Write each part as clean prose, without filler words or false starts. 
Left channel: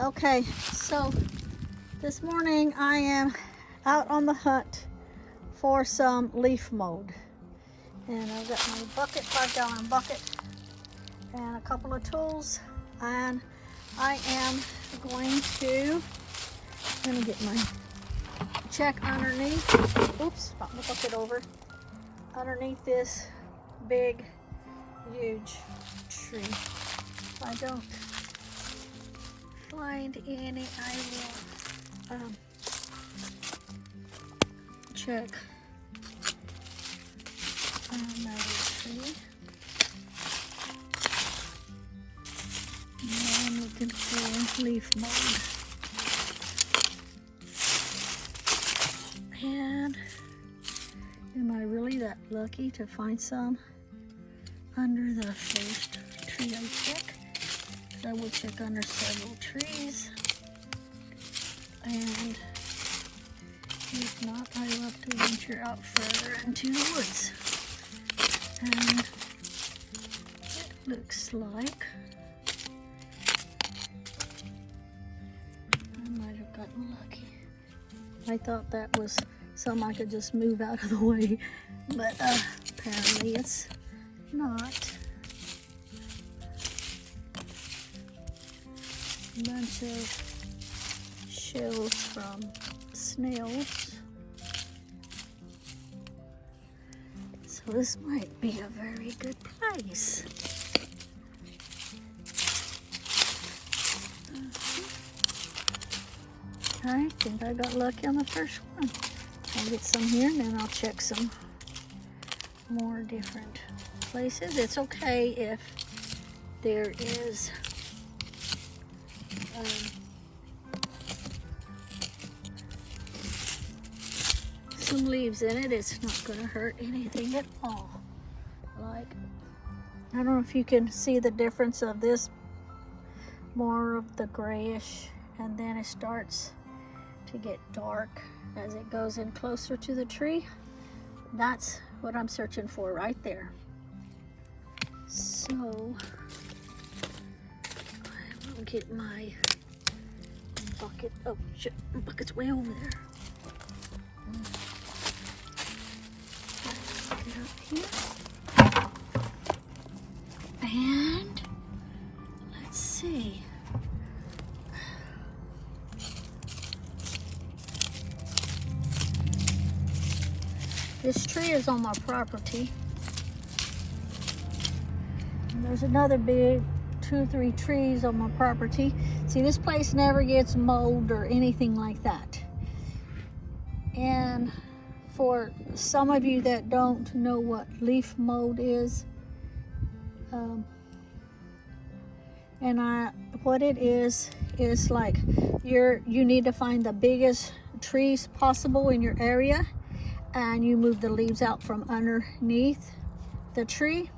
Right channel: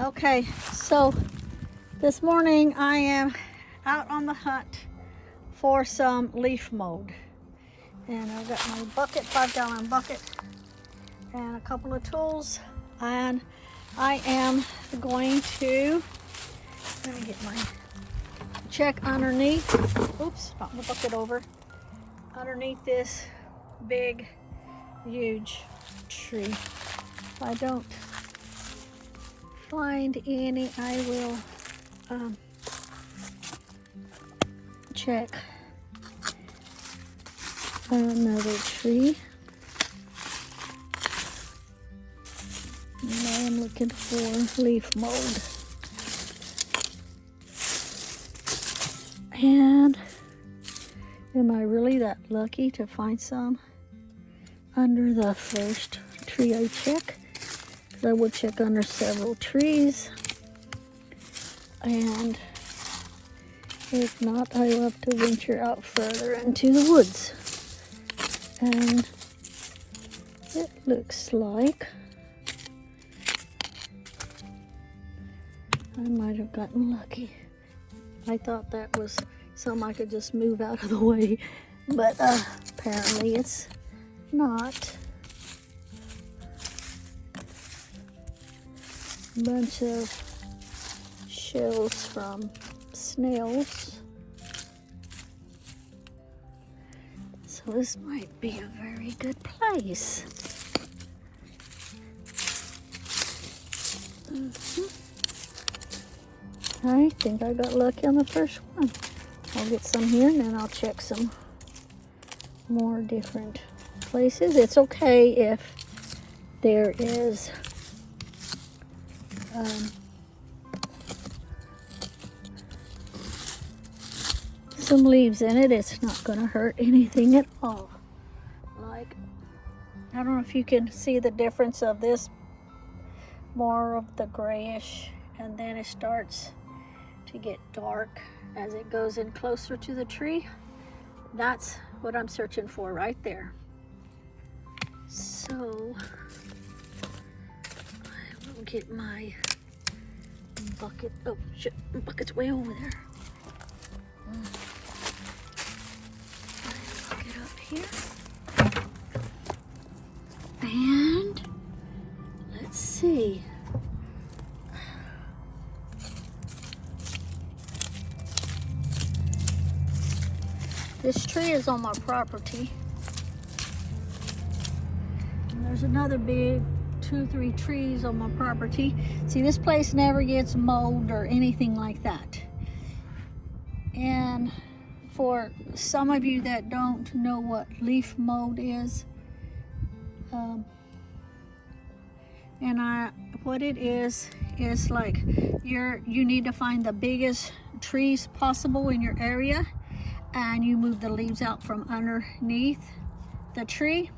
Okay, so this morning I am out on the hunt for some leaf mold. And I've got my bucket, 5-gallon bucket, and a couple of tools. And I am going to, let me get my check underneath. Oops, knocked the bucket over. Underneath this big, huge tree. If I don't find any, I will check another tree. And I'm looking for leaf mold. And am I really that lucky to find some under the first tree I check? I will check under several trees, and if not, I will have to venture out further into the woods. And it looks like I might have gotten lucky. I thought that was something I could just move out of the way, but apparently it's not. A bunch of shells from snails. So this might be a very good place. I think I got lucky on the first one. I'll get some here and then I'll check some more different places. It's okay if there is some leaves in it. It's not going to hurt anything at all. Like, I don't know if you can see the difference of this, more of the grayish, and then it starts to get dark as it goes in closer to the tree. That's what I'm searching for right there. So I will get my bucket. Oh shit, the bucket's way over there. Get up here. And let's see. This tree is on my property. And there's another big 2 or 3 trees on my property. See, this place never gets mold or anything like that. And for some of you that don't know what leaf mold is, what it is like you need to find the biggest trees possible in your area, and you move the leaves out from underneath the tree.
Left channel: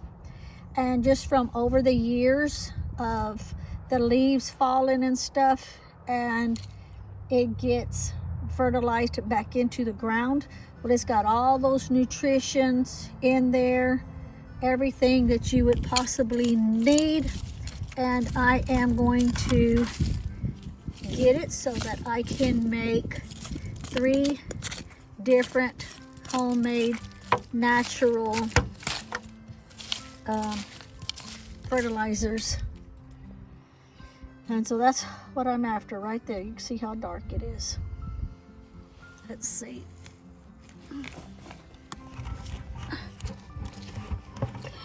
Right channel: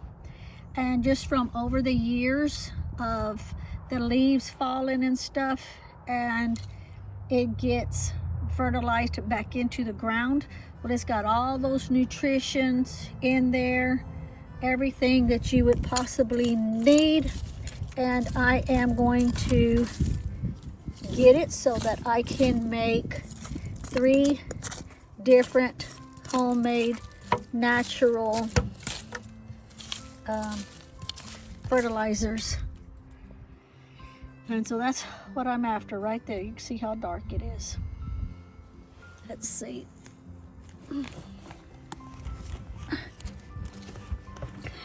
And just from over the years of the leaves falling and stuff, and it gets fertilized back into the ground. Well, it's got all those nutritions in there, everything that you would possibly need. And I am going to get it so that I can make 3 different homemade natural fertilizers. And so that's what I'm after right there. You can see how dark it is. Let's see.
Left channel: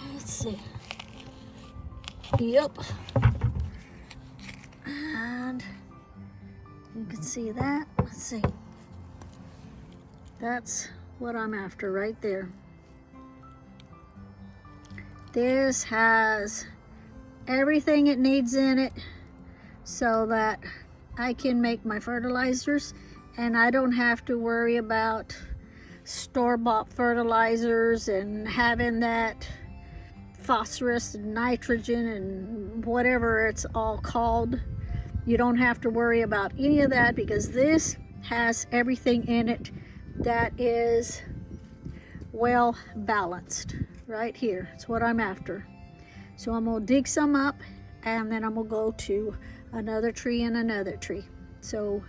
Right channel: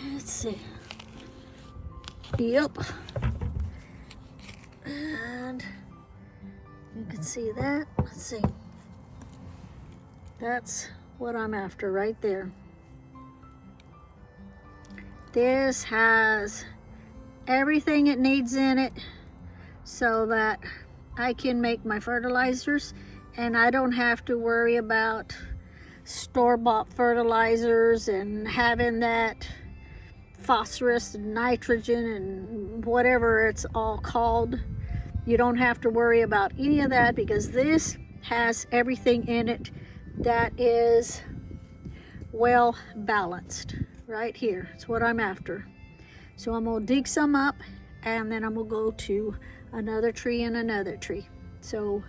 Let's see. Yep. And you can see that. Let's see. That's what I'm after right there. This has everything it needs in it so that I can make my fertilizers, and I don't have to worry about store-bought fertilizers and having that phosphorus and nitrogen and whatever it's all called. You don't have to worry about any of that, because this has everything in it that is well balanced right here. It's what I'm after. So I'm gonna dig some up, and then I'm gonna go to another tree, and another tree. So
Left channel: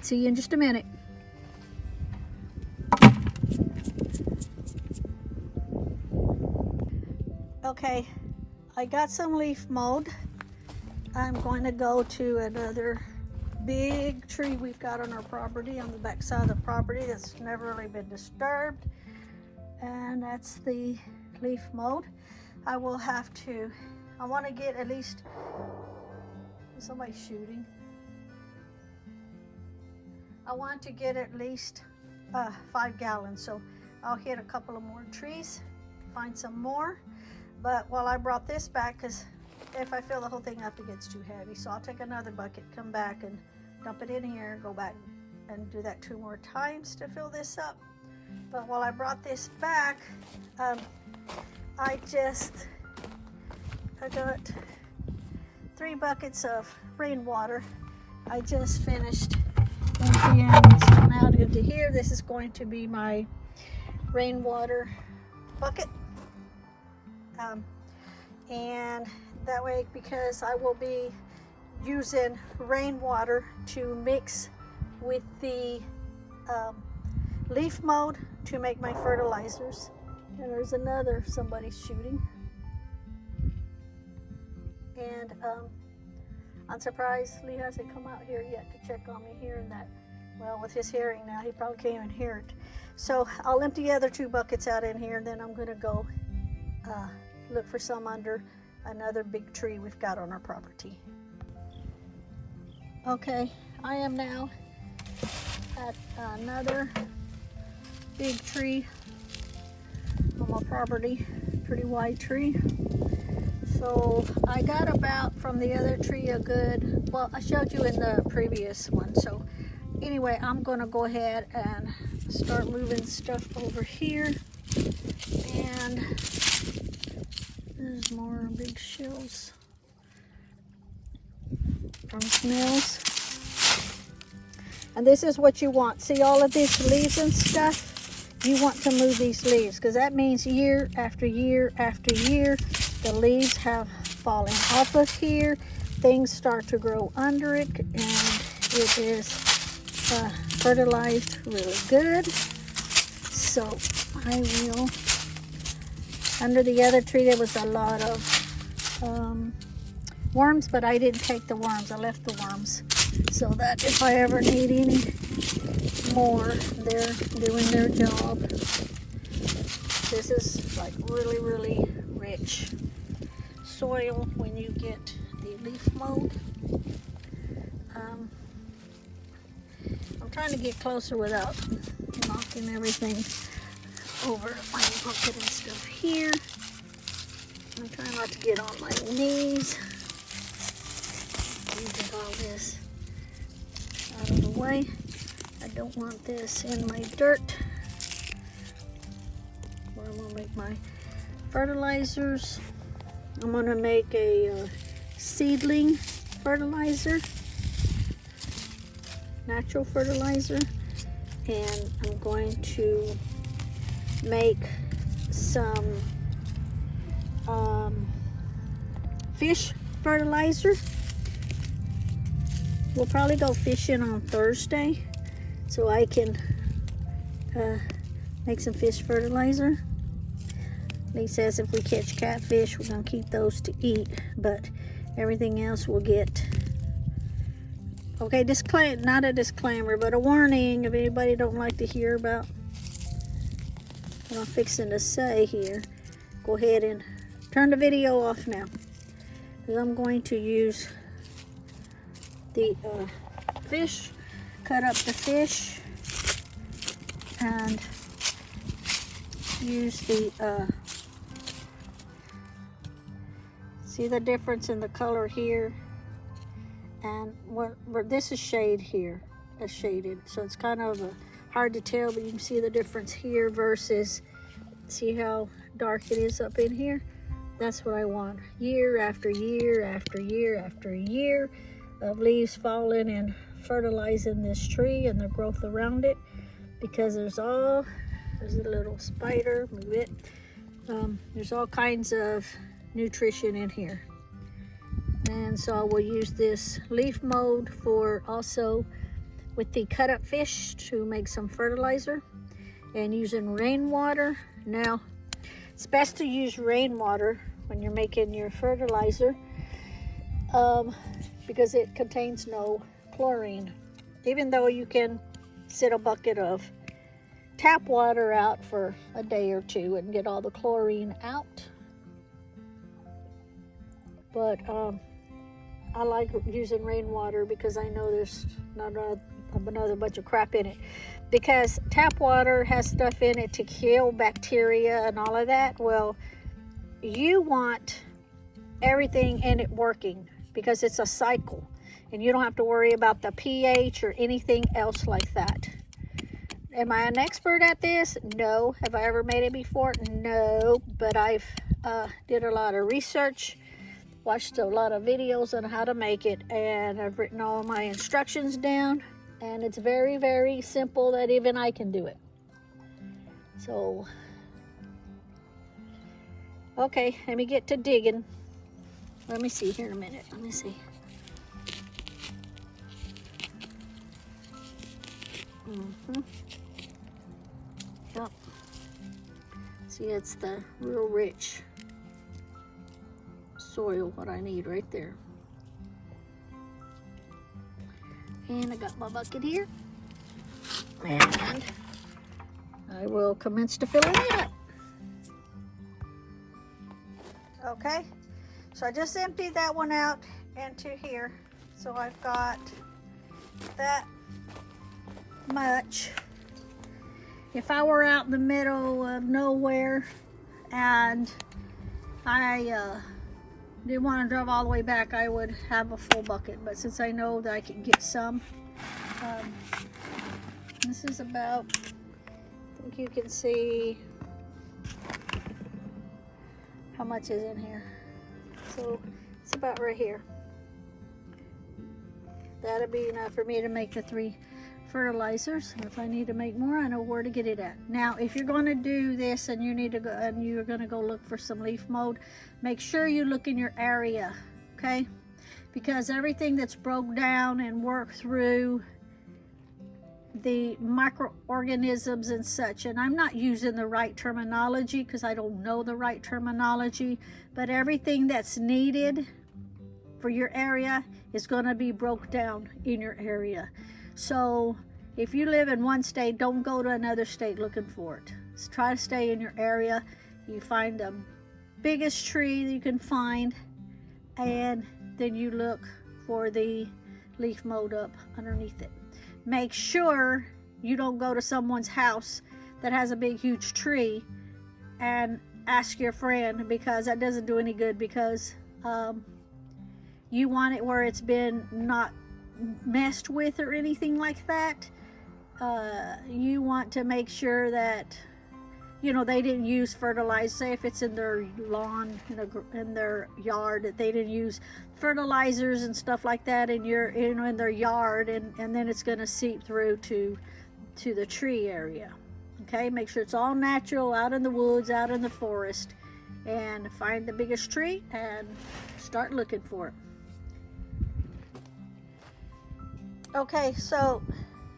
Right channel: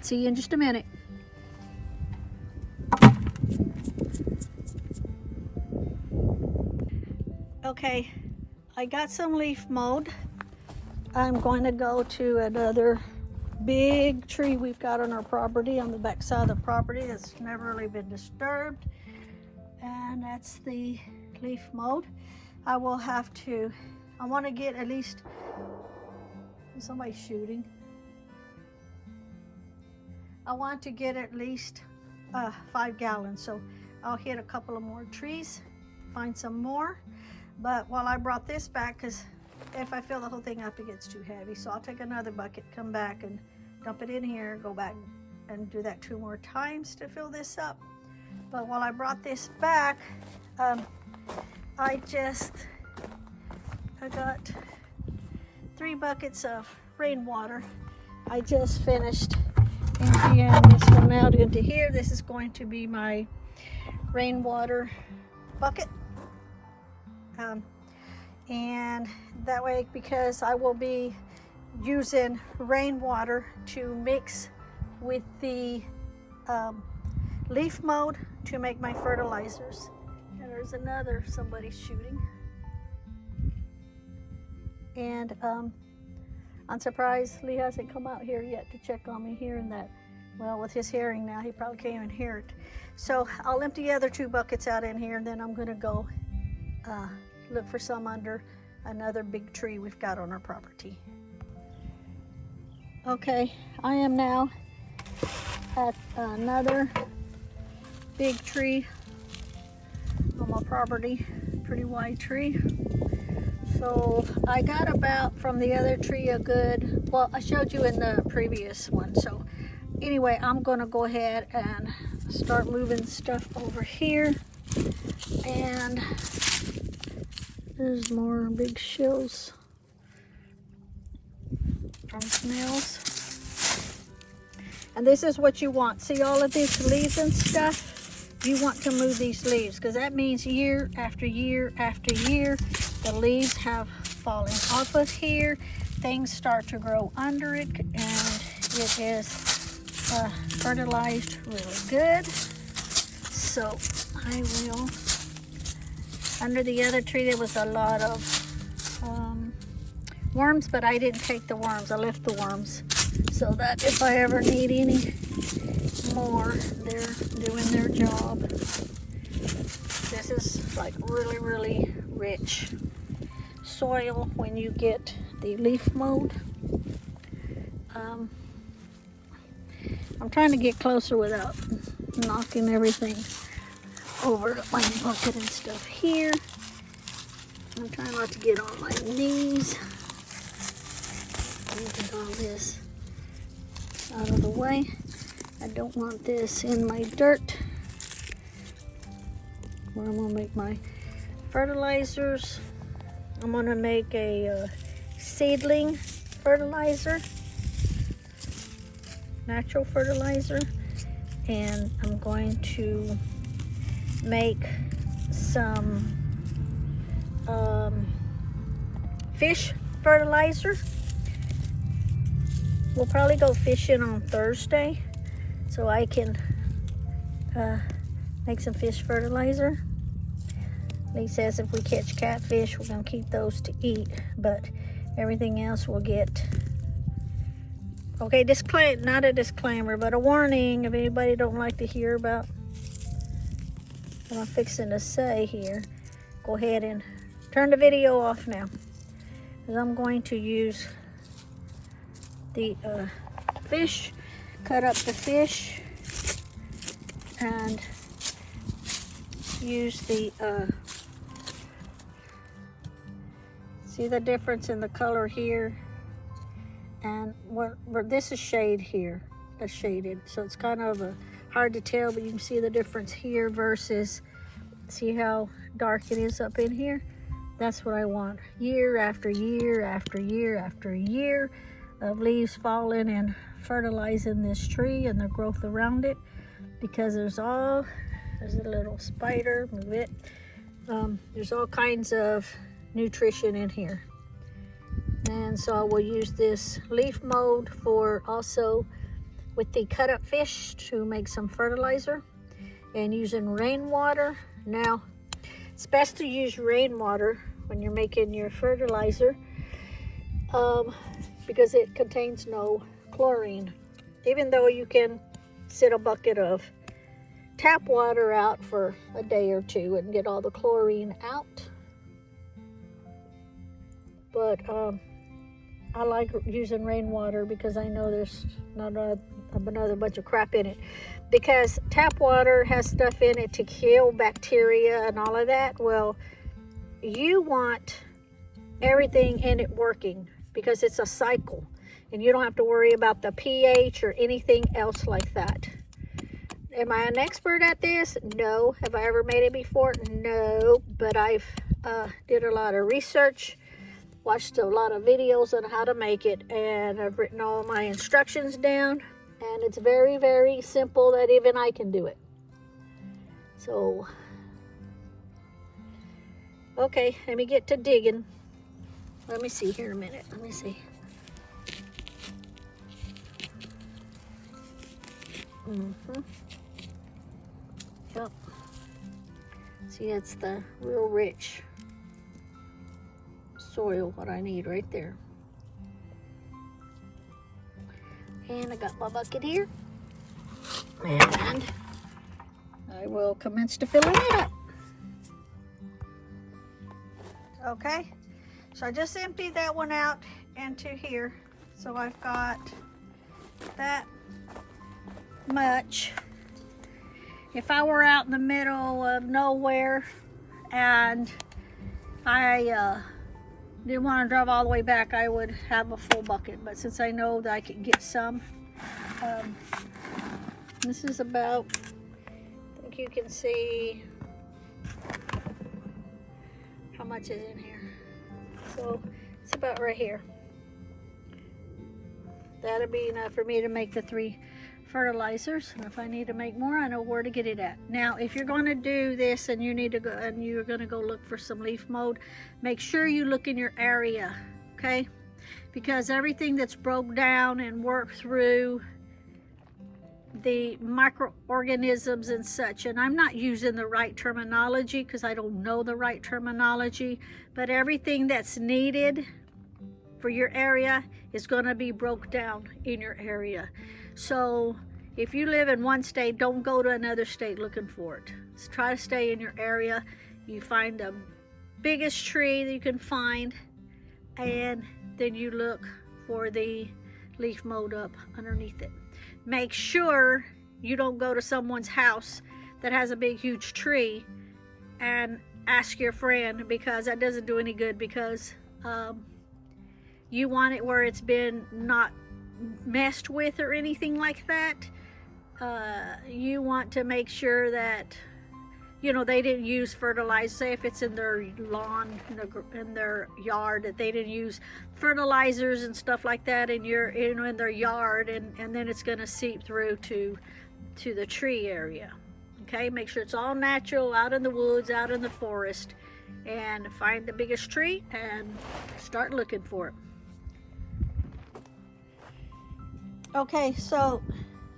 see you in just a minute. Okay, I got some leaf mold. I'm going to go to another big tree we've got on our property, on the back side of the property, that's never really been disturbed, and that's the leaf mold. I will have to, I want to get at least, somebody's shooting. I want to get at least 5 gallons, so I'll hit a couple of more trees, find some more. But while I brought this back, because if I fill the whole thing up, it gets too heavy, so I'll take another bucket, come back and dump it in here, go back and do that 2 more times to fill this up. But while I brought this back, I got 3 buckets of rainwater. I just finished emptying some out into here. This is going to be my rainwater bucket. And that way, because I will be using rainwater to mix with the leaf mold to make my fertilizers. And there's another, somebody's shooting. And I'm surprised Lee hasn't come out here yet to check on me hearing that. Well, with his hearing now, he probably can't even hear it. So I'll empty the other 2 buckets out in here, and then I'm gonna go look for some under another big tree we've got on our property. Okay, I am now at another big tree on my property, pretty wide tree. So I got about from the other tree a good, well, I showed you in the previous one. So anyway, I'm gonna go ahead and start moving stuff over here. And there's more big shells from snails. And this is what you want. See all of these leaves and stuff? You want to move these leaves, because that means year after year after year, the leaves have fallen off of here. Things start to grow under it, and it is fertilized really good. So I will, under the other tree there was a lot of worms, but I didn't take the worms. I left the worms so that if I ever need any more, they're doing their job. This is like really, really rich soil when you get the leaf mold. I'm trying to get closer without knocking everything over my bucket and stuff here. I'm trying not to get on my knees. Get all this out of the way. I don't want this in my dirt where I'm gonna make my fertilizers. I'm gonna make a seedling fertilizer, natural fertilizer, and I'm going to make some fish fertilizer. We'll probably go fishing on Thursday so I can make some fish fertilizer. He says if we catch catfish, we're gonna keep those to eat, but everything else we'll get. Okay, not a disclaimer, but a warning if anybody don't like to hear about what I'm fixing to say here. Go ahead and turn the video off now, because I'm going to use the fish, cut up the fish, and use the see the difference in the color here, and where this is shade here, it's shaded, so it's kind of hard to tell, but you can see the difference here versus, see how dark it is up in here. That's what I want. Year after year after year after year of leaves falling and fertilizing this tree and the growth around it, because there's a little spider, move it. There's all kinds of nutrition in here. And so I will use this leaf mold for also with the cut up fish to make some fertilizer, and using rainwater. Now, it's best to use rainwater when you're making your fertilizer because it contains no chlorine. Even though you can sit a bucket of tap water out for a day or two and get all the chlorine out. But I like using rainwater because I know there's not another bunch of crap in it. Because tap water has stuff in it to kill bacteria and all of that. Well, you want everything in it working because it's a cycle. And you don't have to worry about the pH or anything else like that. Am I an expert at this? No. Have I ever made it before? No. But I've did a lot of research, watched a lot of videos on how to make it, and I've written all my instructions down, and it's very, very simple that even I can do it. So, okay, let me get to digging. Let me see here in a minute. Let me see. Yep. See, it's the real rich soil what I need right there. And I got my bucket here, and I will commence to filling it up. Okay, so I just emptied that one out into here, so I've got that much. If I were out in the middle of nowhere and I didn't want to drive all the way back, I would have a full bucket. But since I know that I can get some, this is about, I think you can see how much is in here. So it's about right here. That'll be enough for me to make the 3 fertilizers, and if I need to make more, I know where to get it at. Now, if you're going to do this and you need to go and you're going to go look for some leaf mold, make sure you look in your area, okay? Because everything that's broke down and worked through the microorganisms and such, and I'm not using the right terminology because I don't know the right terminology, but everything that's needed for your area is going to be broke down in your area. So if you live in one state, don't go to another state looking for it. Just try to stay in your area. You find the biggest tree that you can find, and then you look for the leaf mold up underneath it. Make sure you don't go to someone's house that has a big huge tree and ask your friend, because that doesn't do any good, because you want it where it's been not messed with or anything like that. You want to make sure that, you know, they didn't use fertilizer. Say if it's in their lawn, in their yard, that they didn't use fertilizers and stuff like that in your, you know, in their yard, and then it's going to seep through to the tree area. Okay, make sure it's all natural, out in the woods, out in the forest, and find the biggest tree and start looking for it. Okay, so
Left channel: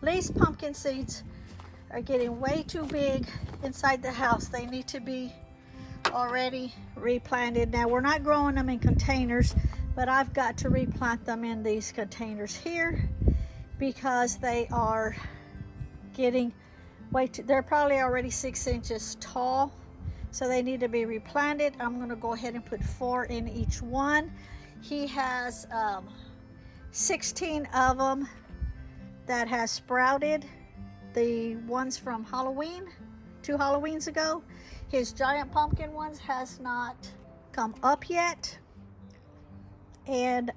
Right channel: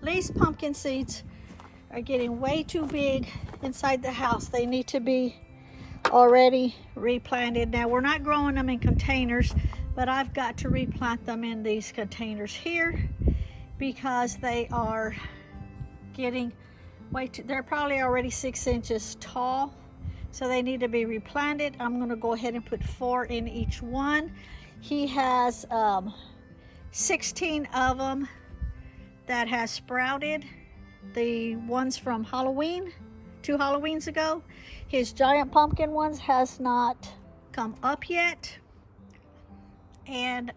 these pumpkin seeds are getting way too big inside the house. They need to be already replanted. Now, we're not growing them in containers, but I've got to replant them in these containers here because they are getting way too, they're probably already 6 inches tall, so they need to be replanted. I'm going to go ahead and put 4 in each one. He has 16 of them that has sprouted, the ones from Halloween, 2 Halloweens ago. His giant pumpkin ones has not come up yet. And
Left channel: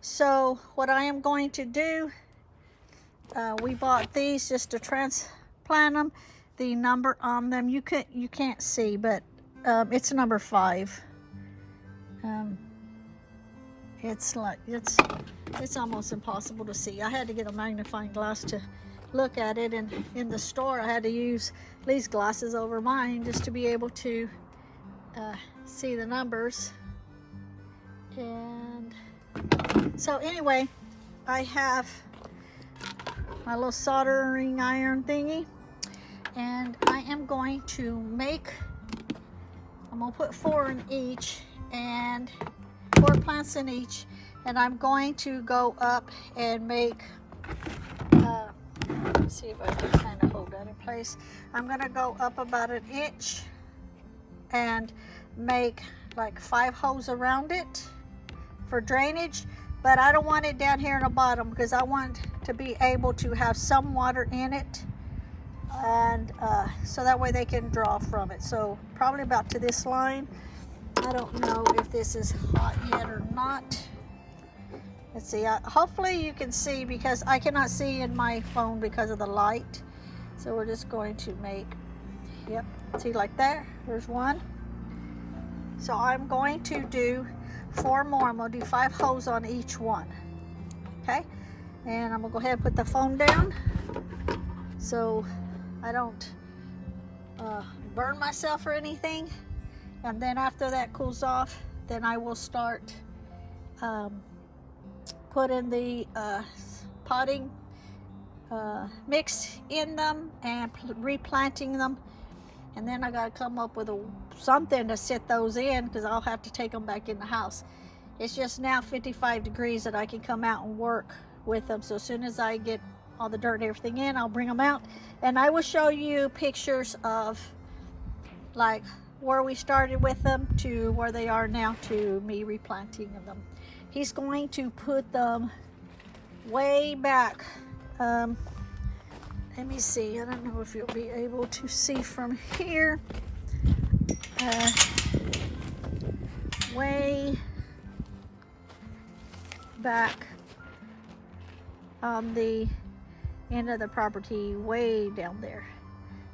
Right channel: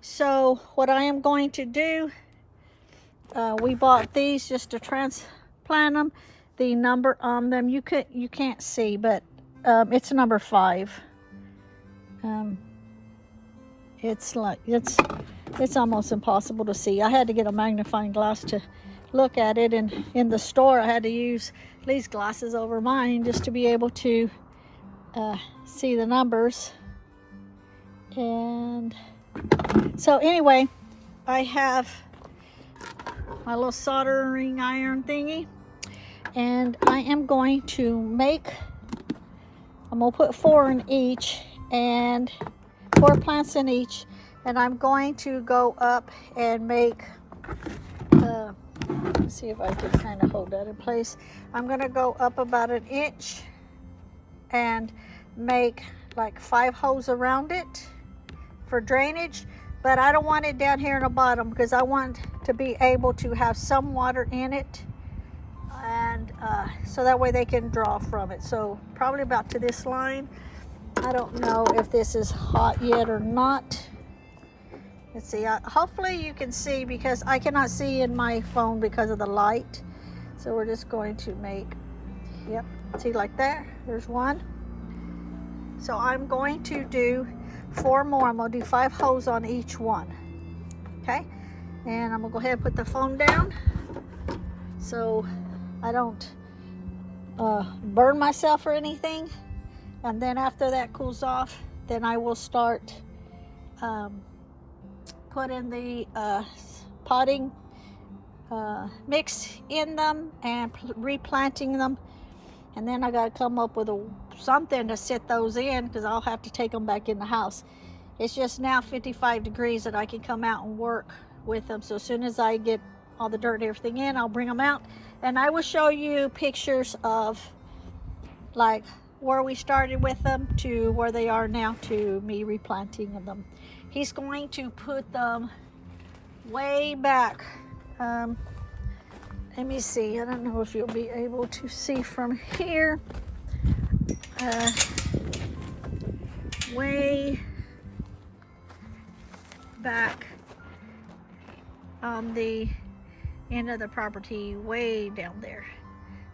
so what I am going to do, we bought these just to transplant them. The number on them, you can't see, but it's number 5. It's like, it's almost impossible to see. I had to get a magnifying glass to look at it, and in the store I had to use these glasses over mine just to be able to see the numbers. And so anyway, I have my little soldering iron thingy, and I am going to make, I'm going to put 4 in each, and 4 plants in each, and I'm going to go up and make, let's see if I can kind of hold that in place. I'm going to go up about 1 inch and make like 5 holes around it for drainage, but I don't want it down here in the bottom because I want to be able to have some water in it, and so that way they can draw from it. So probably about to this line. I don't know if this is hot yet or not. Let's see. Hopefully you can see, because I cannot see in my phone because of the light. So we're just going to make, yep, see, like that. There's 1. So I'm going to do 4 more. I'm going to do 5 holes on each one. Okay, and I'm gonna go ahead and put the phone down so I don't burn myself or anything. And then after that cools off, then I will start putting the potting mix in them and replanting them. And then I got to come up with something to set those in, because I'll have to take them back in the house. It's just now 55 degrees that I can come out and work with them. So as soon as I get all the dirt and everything in, I'll bring them out, and I will show you pictures of like where we started with them to where they are now to me replanting them. He's going to put them way back. Let me see. I don't know if you'll be able to see from here. Way back on the end of the property, way down there,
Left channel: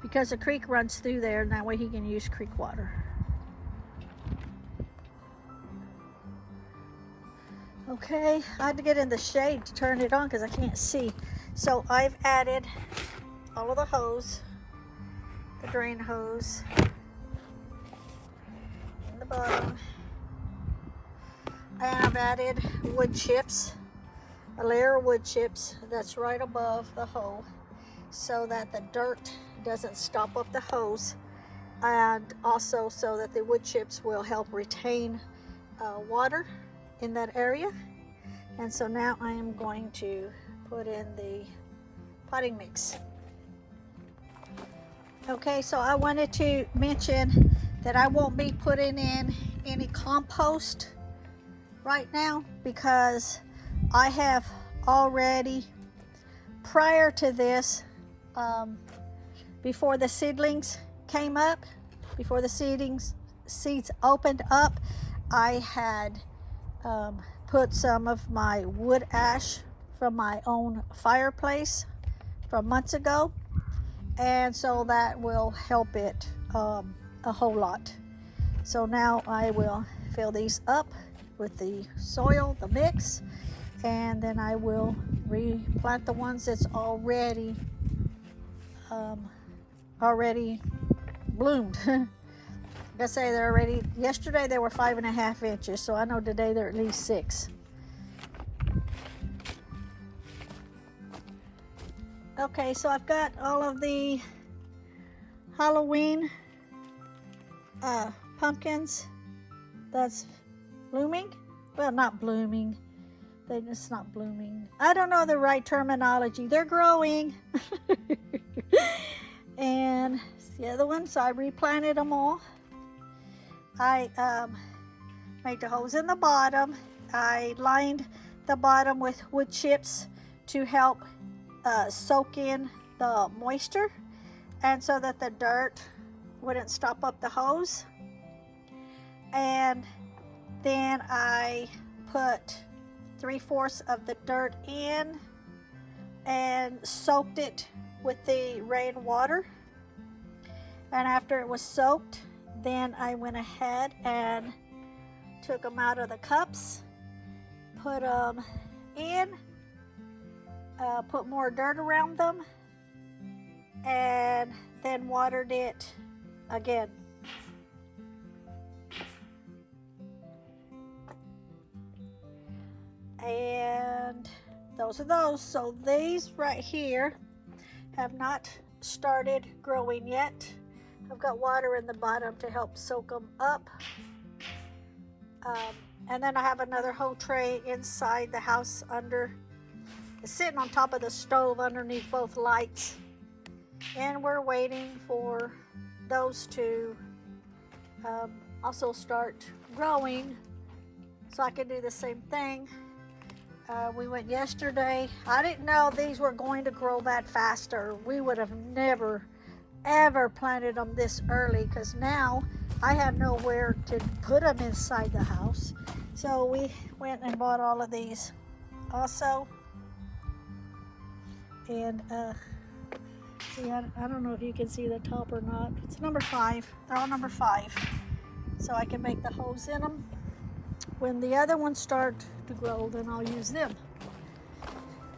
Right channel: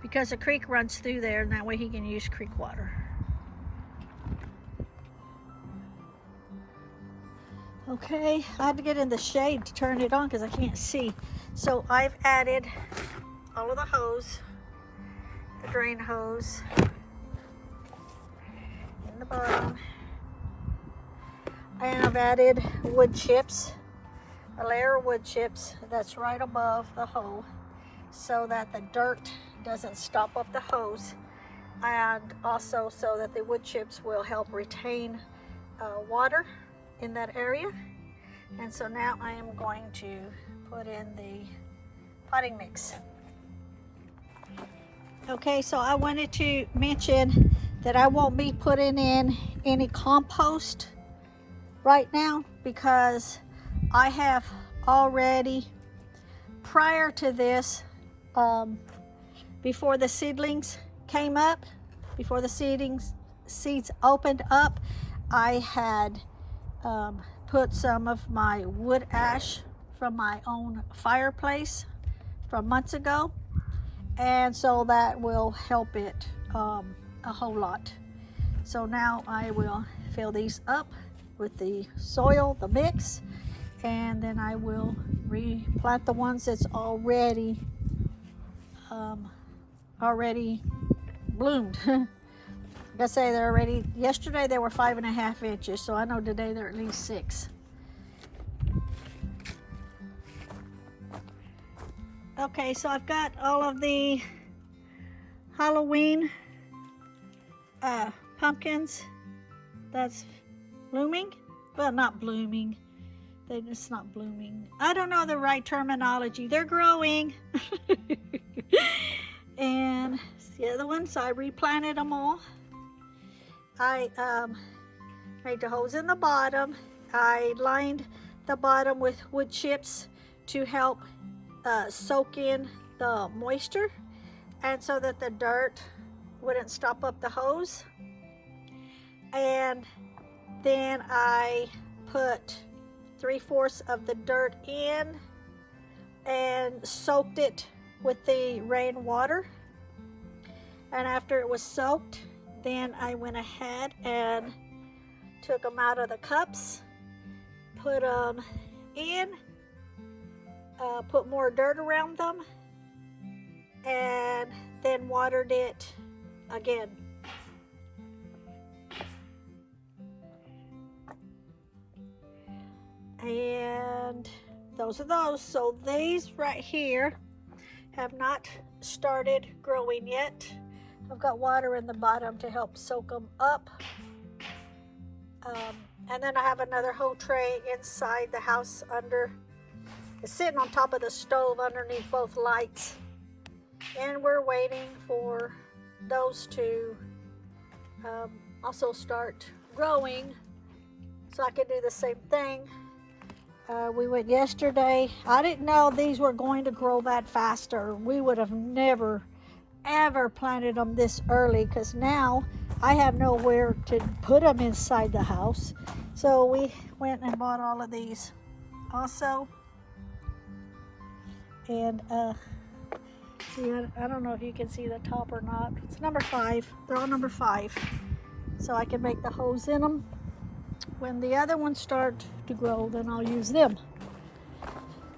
because the creek runs through there, and that way he can use creek water. Okay, I had to get in the shade to turn it on because I can't see. So I've added all of the hose, the drain hose in the bottom, and I've added wood chips, a layer of wood chips that's right above the hole, so that the dirt doesn't stop up the hose, and also so that the wood chips will help retain water in that area. And so now I am going to put in the potting mix. Okay, so I wanted to mention that I won't be putting in any compost right now, because I have already, prior to this, before the seedlings came up, before the seeds opened up, I had put some of my wood ash from my own fireplace from months ago, and so that will help it a whole lot. So now I will fill these up with the soil, the mix, and then I will replant the ones that's already bloomed. Like I say, they're already, yesterday they were 5.5 inches, so I know today they're at least 6. Okay, so I've got all of the Halloween pumpkins that's blooming. Well, not blooming. It's not blooming. I don't know the right terminology. They're growing. And the other ones, so I replanted them all. I made the holes in the bottom. I lined the bottom with wood chips to help soak in the moisture, and so that the dirt wouldn't stop up the hose. And then I put 3/4 of the dirt in and soaked it with the rainwater. And after it was soaked, then I went ahead and took them out of the cups, put them in, put more dirt around them, and then watered it again. And those are those. So these right here have not started growing yet. I've got water in the bottom to help soak them up. And then I have another whole tray inside the house it's sitting on top of the stove underneath both lights. And we're waiting for those to also start growing so I can do the same thing. We went yesterday. I didn't know these were going to grow that fast, or we would have never ever planted them this early, because now I have nowhere to put them inside the house. So we went and bought all of these also. And see, I don't know if you can see the top or not. It's number 5. They're all number 5. So I can make the holes in them. When the other ones start to grow, then I'll use them.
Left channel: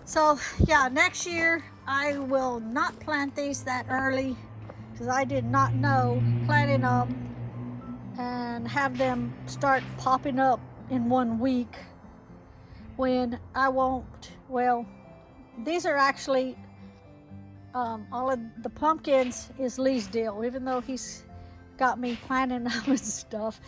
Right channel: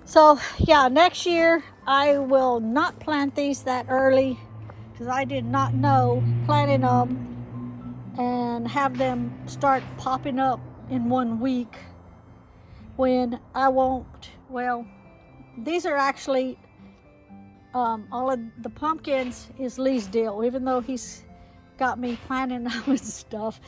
So yeah, next year I will not plant these that early, because I did not know planting them and have them start popping up in 1 week when I won't. Well, these are actually all of the pumpkins is Lee's deal. Even though he's got me planting them and stuff,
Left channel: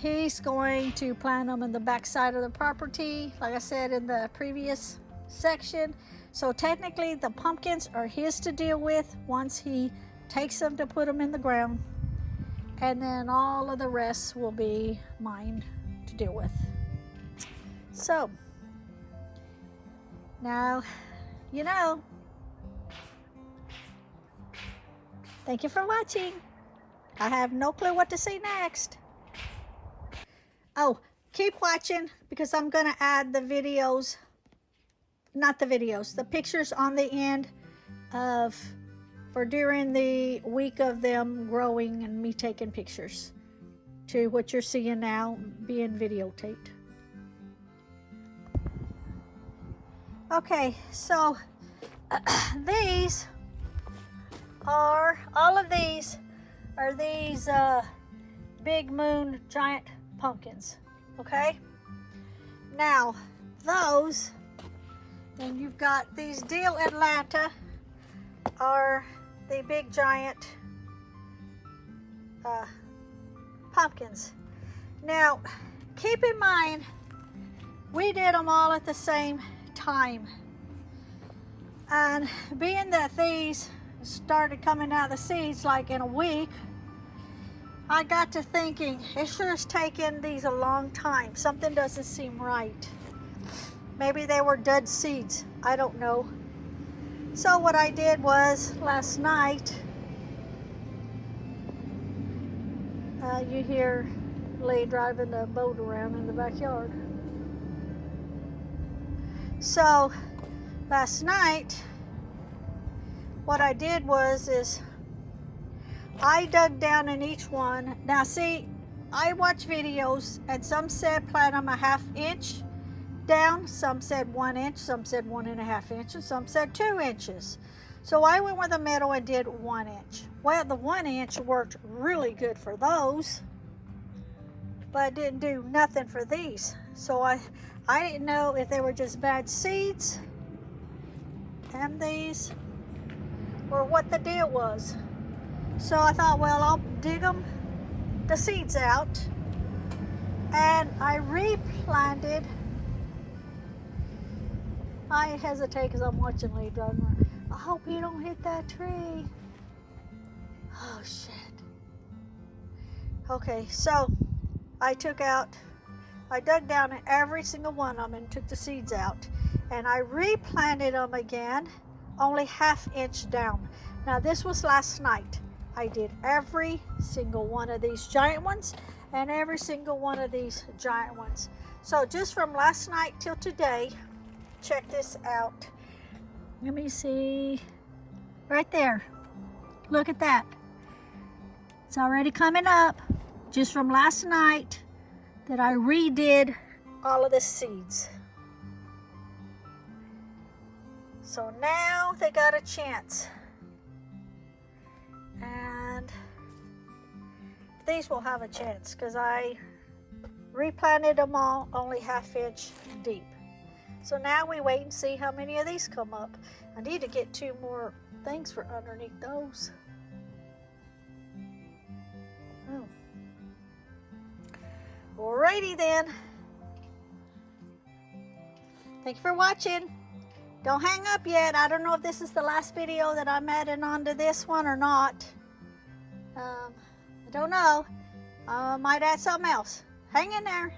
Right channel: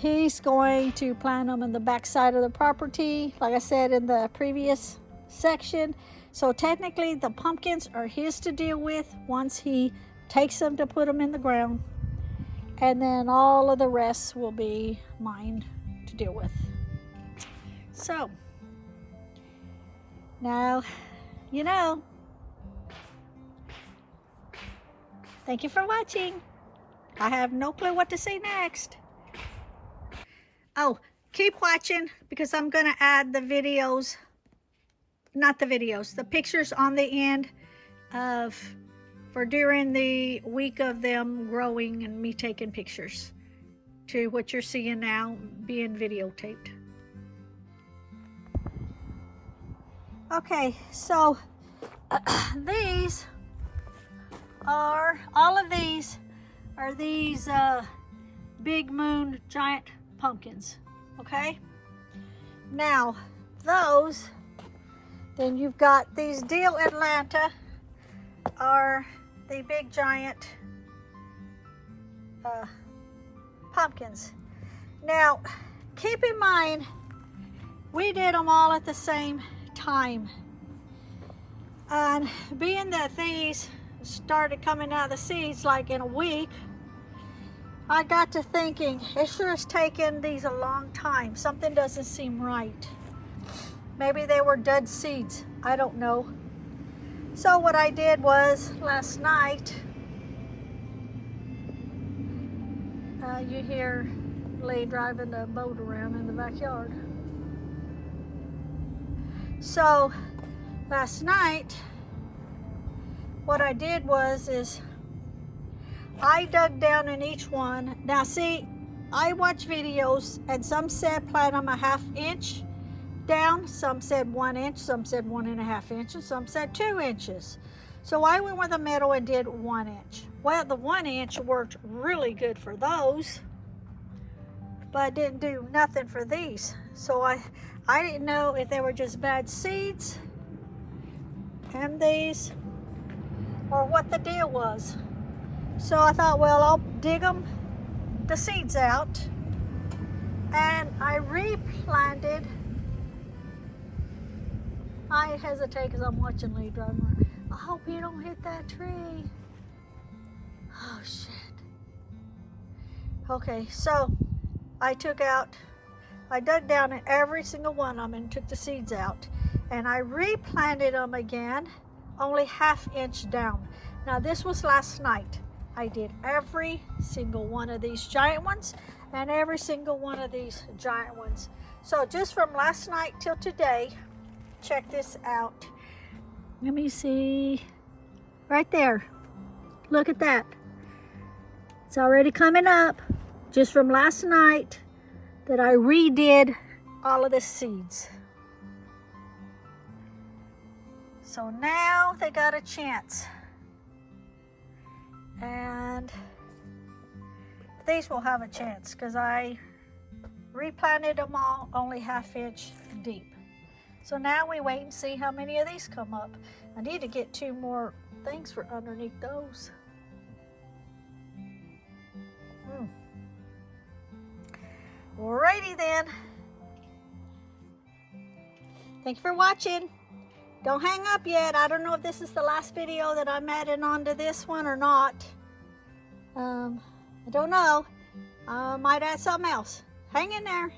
he's going to plant them in the back side of the property, like I said in the previous section. So technically the pumpkins are his to deal with once he takes them to put them in the ground, and then all of the rest will be mine to deal with. So now you know. Thank you for watching. I have no clue what to say next. Oh, keep watching, because I'm going to add the videos, not the videos, the pictures on the end for during the week of them growing and me taking pictures to what you're seeing now being videotaped. Okay, so all of these are these big moon giant pumpkins. Okay, now those, then you've got these Deal Atlanta, are the big giant pumpkins. Now keep in mind, we did them all at the same time, and being that these started coming out of the seeds like in a week, I got to thinking, it sure has taken these a long time. Something doesn't seem right. Maybe they were dead seeds, I don't know. So what I did was last night, you hear Lee driving the boat around in the backyard. So last night, what I did is I dug down in each one. Now see, I watch videos and some said plant them 1/2 inch down, some said 1 inch, some said 1.5 inches, some said 2 inches. So I went with the middle and did 1 inch. Well, the 1 inch worked really good for those, but didn't do nothing for these. So I didn't know if they were just bad seeds and these, or what the deal was. So I thought, well, I'll dig the seeds out, and I replanted. I hesitate because I'm watching Lee driving around. I hope you don't hit that tree. Oh shit. Okay, so I dug down in every single one of them and took the seeds out, and I replanted them again, only 1/2 inch down. Now this was last night. I did every single one of these giant ones and every single one of these giant ones. So just from last night till today, check this out. Let me see. Right there. Look at that. It's already coming up. Just from last night that I redid all of the seeds. So now they got a chance. And these will have a chance because I replanted them all only 1/2 inch deep. So now we wait and see how many of these come up. I need to get 2 more things for underneath those. Alrighty then. Thank you for watching. Don't hang up yet. I don't know if this is the last video that I'm adding onto this one or not. I don't know. I might add something else. Hang in there.